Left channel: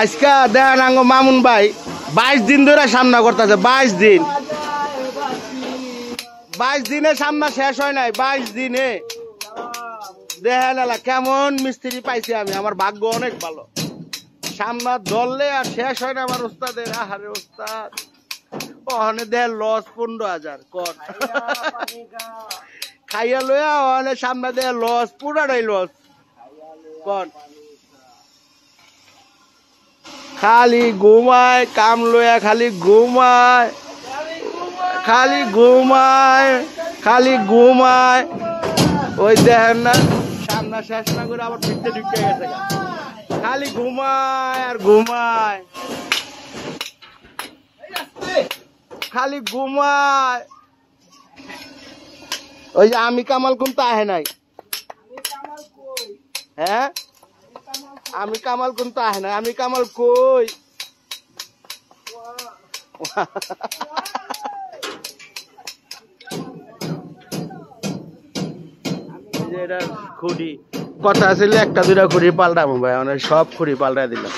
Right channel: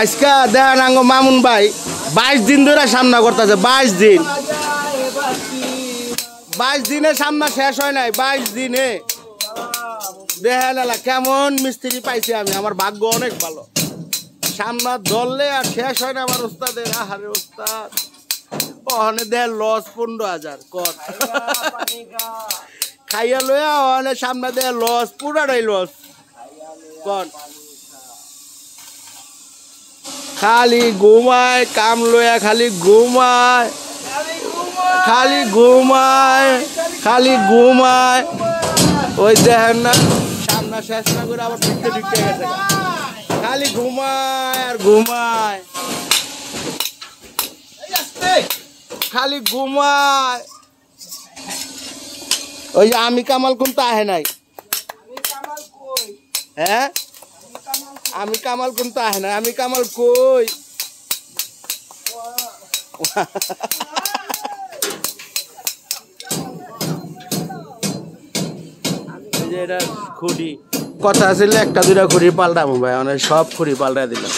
আজকে দেখেন আঙ্গ মামুন ভাই 22 দিন ধরে সামনা করতেছে। 22 দিন, 22 দিনে সামনা শেষ হয় নাই। 22 দিনে দেখেন এলা কেমন মিস্ত্রি পাইছি আমি। আমার ভাগ্য অনেক ভালো। সামনা ধরলে আর শেষ হয় না আমার উস্তাদের। আহারে উস্তাদ ওখানে দেন লস 15,000 কর খাইয়া লইয়া ওখানে সামনে দেয় লস, পুরাটাই লস কর। খালি ঘুমায় কাম লইয়া, খালি ঘুমায়, খালি ঘুমায়, খালি ঘুমায়। ওই দেখেন না সামনা শেষ না করে আবার ঢুকতে ঢুকতে গেছে। খালি ঘুমায় আর ঘুমায়, খালি ঘুমায়। ওই যে আমি কামাল কোন তো আহে নাই। হ্যাঁ আমি কামাল কোন তো আহে নাই। আমি কামাল কই খুঁড়ি কথা আসলে একটা দুটা খুঁড়ি পাল্টাবো ভাই, অনেক সব খুঁড়ি পাল্টাই দিলাম।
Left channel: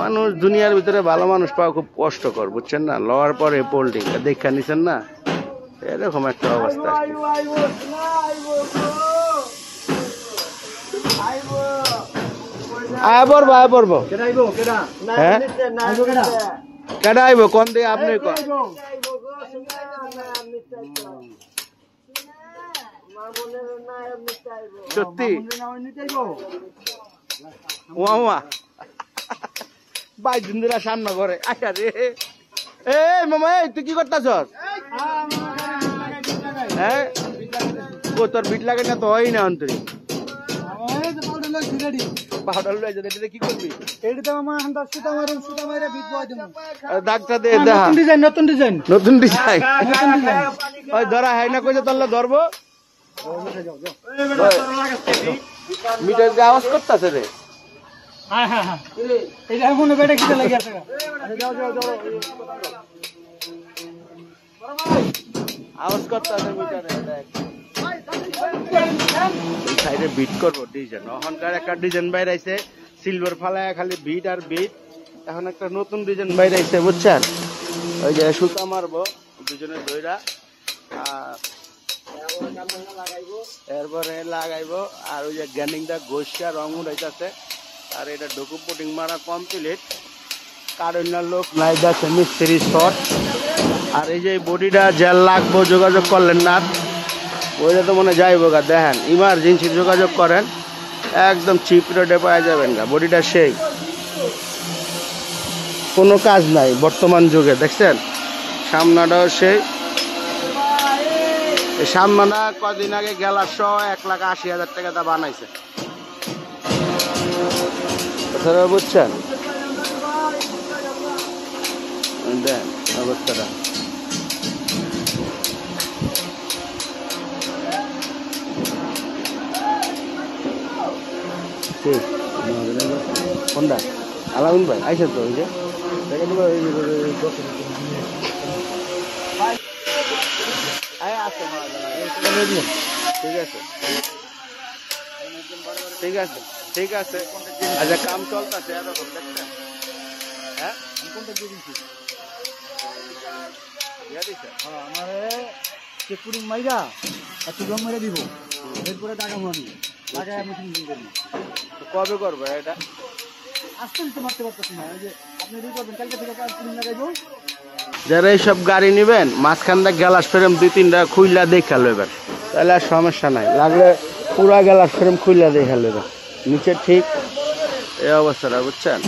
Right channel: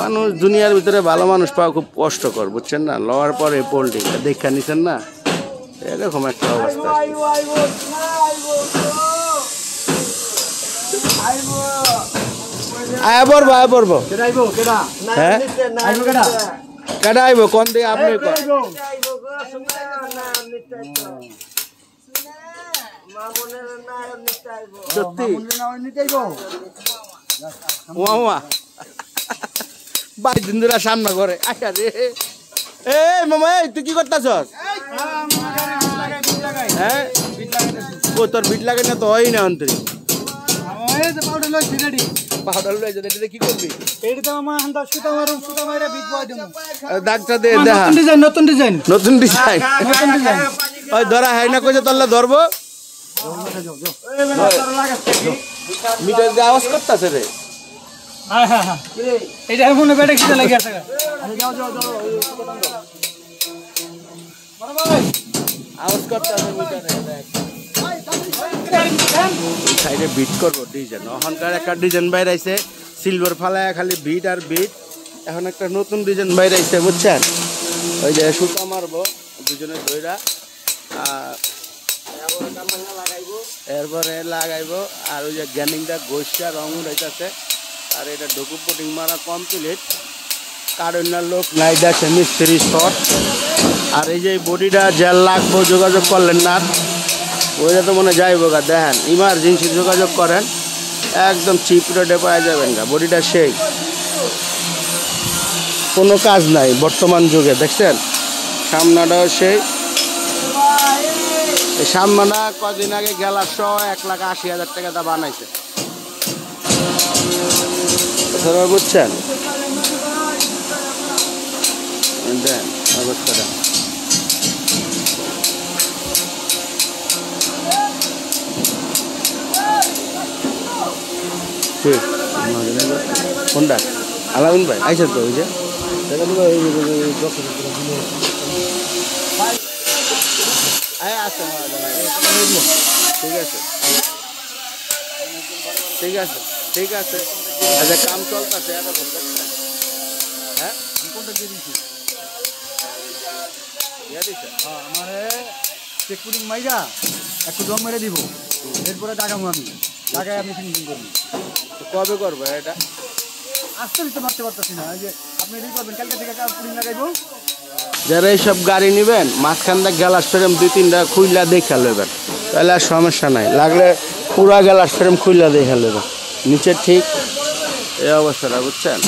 মানুষ দুনিয়ার ভিতরে ভালো মানুষ পাওয়া খুব কষ্টকর, বুঝছেন না? লওয়ার পরে পোল্ট্রিটা দেখা নিচ্ছেন না, এরকম একটা অবস্থা। আয় পড়বো, আয় পড়বো। হ্যাঁ কেডা আইব কোন দিয়ে আপনি সত্যি বাইশ দিন ধরে সামনে করে। আচ্ছা রে এ মামা তুই কি করতেছস? হ্যাঁ তোর বিট লাগে না তো হয় না অন্তরে কি করবি? ডাক্তার দে নতুন ডিজাইন, নতুন ডিজাইন ওই ধরা হয় না কইছে তোরলে ধরবো। মিটার দিয়ে আওয়াজ করতেছে রে। আওয়াজ সাইডে বিট করবো ডিজাইন। ওখানকার একটা ডিজাইন বাইর আইছে সিলভার ফালায় খালি বিট আর বিট। এখন একটা নতুন ডিজাইন বাইর আইছে বুঝছেন? ওই যে সুতা মারবো দুজনে ধইরা, এরপরে লাগাইবো। আর ওই যে গ্যানিংটা গোসা রং উঠাইতেছে। আর এটা ডকুম পুটিং মারা কমপ্লিট। কারণ লোক নাই যাচ্ছে মিস্ত্রি শট। আর এই যে বডিটা জেল লাগবো, যোগাযোগ করলেন না ওইটা তো মনে যাইবো গা। দেখেন ইমার্জেন্সি যোগাযোগ করেন, একদম চিপ রেটে পাওয়া যাবেন না। বডিটা সেই কোনো কাজ নাই বর্তমান যুগে, দেখছেন? সামনাটাও সেই। এই সামনা কদিন আগে গেলার সহ 1,80,000 টাকা দা বানাইছে, বুঝছেন? দেন অবস্থাটা কোনটা আলাউন ভাই আইসা তো ওই যে ঠিক আছে, ঠিক আছে, ঠিক আছে। আচ্ছা কাম চলতেছে এরকম, দেখছেন? হ্যাঁ আমার মাইরা একটু দম মেরে দিব, এরপরে টাকা আমি টাকায় আমি ফিনিশিং করবো। কবে করবো এটা? আজকে দিতে মারতে পারতেছি না। যে আপনি রেডি করবেন, কালকে থেকে পুরিং লাগাইবো। যারা এইসব গাড়ি নিবেন মাঝখানটা গ্যালাস ফ্রেম 2-3টা খুইলা দেখা লইবেন, তাহলে আর সমস্যা নাই। লাগলে পুরা গ্যালাস ফ্রেম খুইলা দেখা লইবেন। নিচে ঠিক এই অবস্থাটা, বুঝছেন?